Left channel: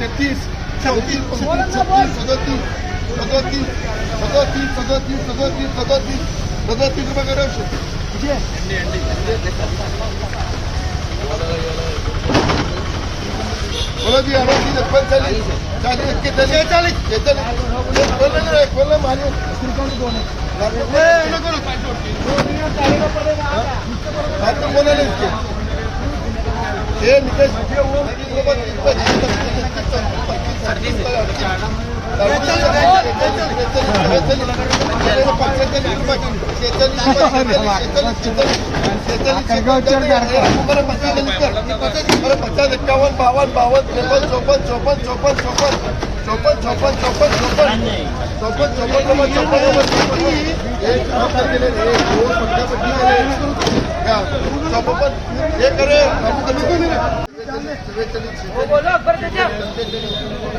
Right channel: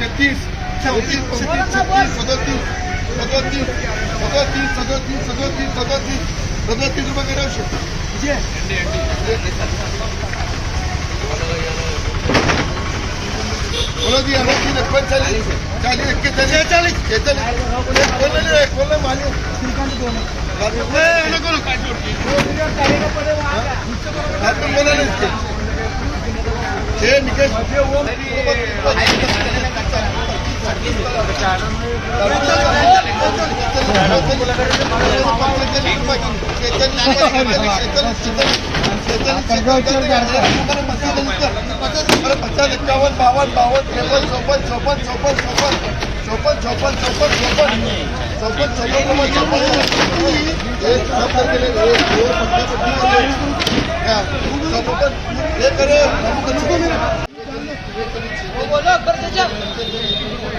33 34 35 37 38 37 रुपये करो बोलो जी 38 40 40 एक बोलना माने बोला ना इसके ये निकेश इक्यावन 52 54 ये करे बोलो कर दीजिए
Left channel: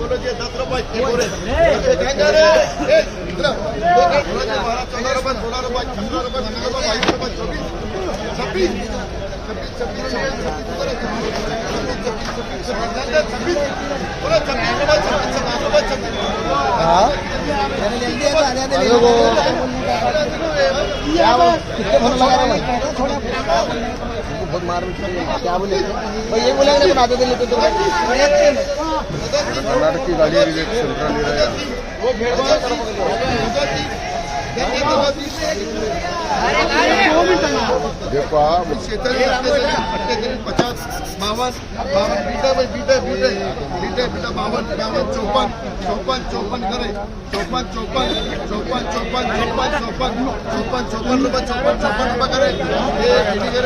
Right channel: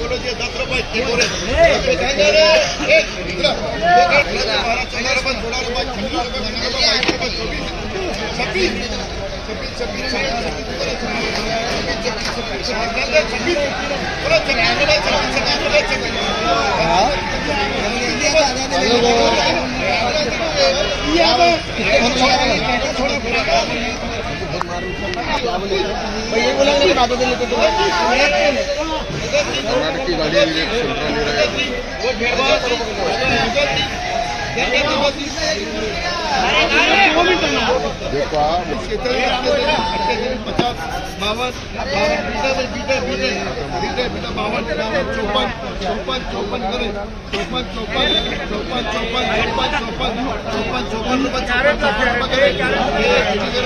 बोलो जी 10 रुपये 14 रुपये 16 रुपये 15 रुपये 22 रुपये 24 26 क्या बोले भाई ये बोला नहीं बता दे लेते तो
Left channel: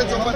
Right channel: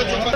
₹54